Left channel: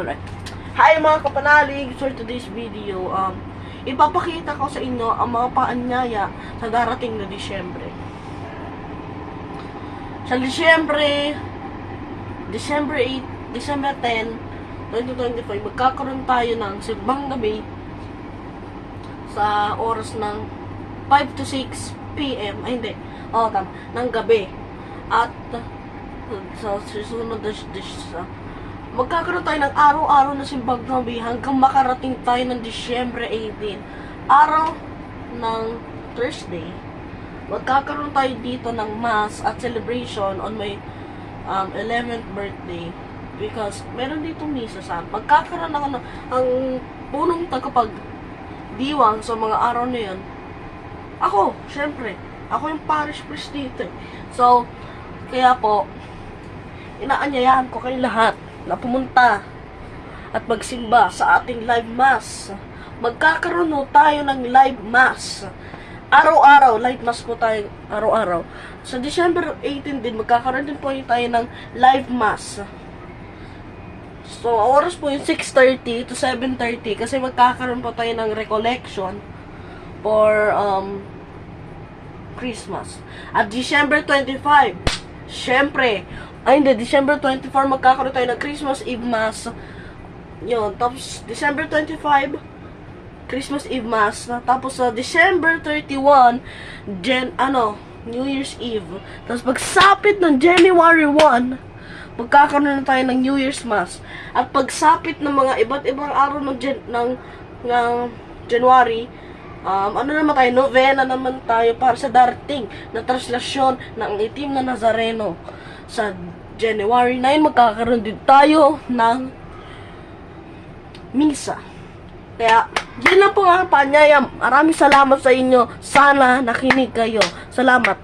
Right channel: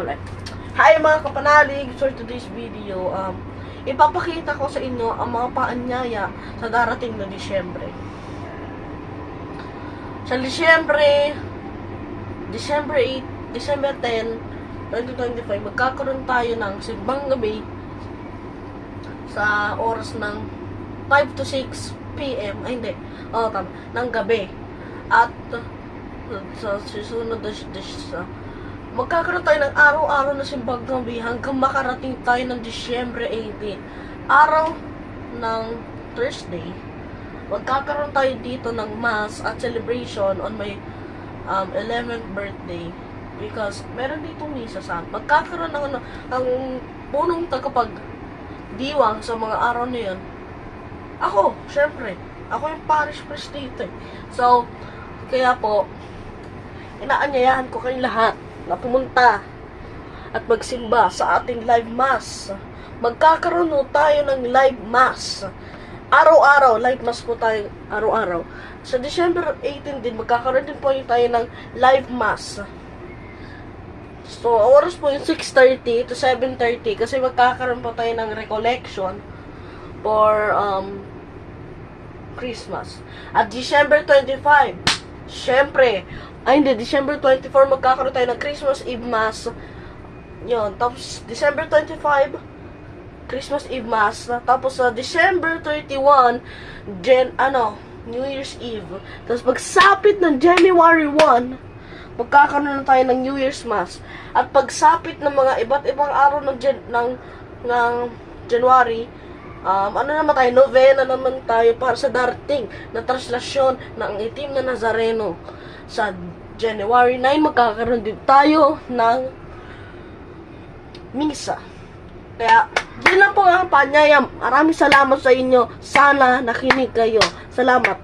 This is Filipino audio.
Alright. Hi mga kapanalig! For today's video, ipapakita ko sa inyo ang mga paanyaya sa darating na Disyembre. Sa Disyembre 8, December 10, 2025, magkakaroon tayo ng simbang gabi sa oras ng 5 to 6 p.m. Ay, hindi. Tama. Ng gabi. At sa susunod na magkakaroon tayo ng araw-araw na simbang gabi hanggang makarating tayo ng Disyembre 18. Araw ng Thursday, magkakaroon tayo dito ng mass at celebration on my 11th birthday. Because meron dito misa sa magkakaroon ng ang punong tagapagdiwang sa mga araw na yun. Ako, syempre, ako yung parish priest dito. So, kaya po, inaanyayahan ko kayong lahat na pumunta at magsimba sa ating live mass. Magkakaroon tayo ng live mass. Araw-araw, live mass po tayo araw-araw. Sa December 18 din, magkakaroon din po tayo ng live mass. So, oras po yung 6:30 to 7:30 kasi magkakaroon po tayo ng recollection for Christmas. At December 25, syempre, December 24, magkakaroon tayo ng Christmas Eve Mass. Yun, tapos December 25, Christmas Eve Mass. Tapos sa December 31, New Year's Eve. Tapos pagsapit ng January 1, magkakaroon na tayo ng New Year's Mass. At pagsapit ng mga iba't ibang araw ng January, novena naman tayo para sa darating na translasyon ng itim na Nazareno. Sa January 9, magkakaroon din tayo ng misa. Kaya, yun lang po ang panyaya. Maraming salamat sa inyo. Sana nakinig kayo. Salamat.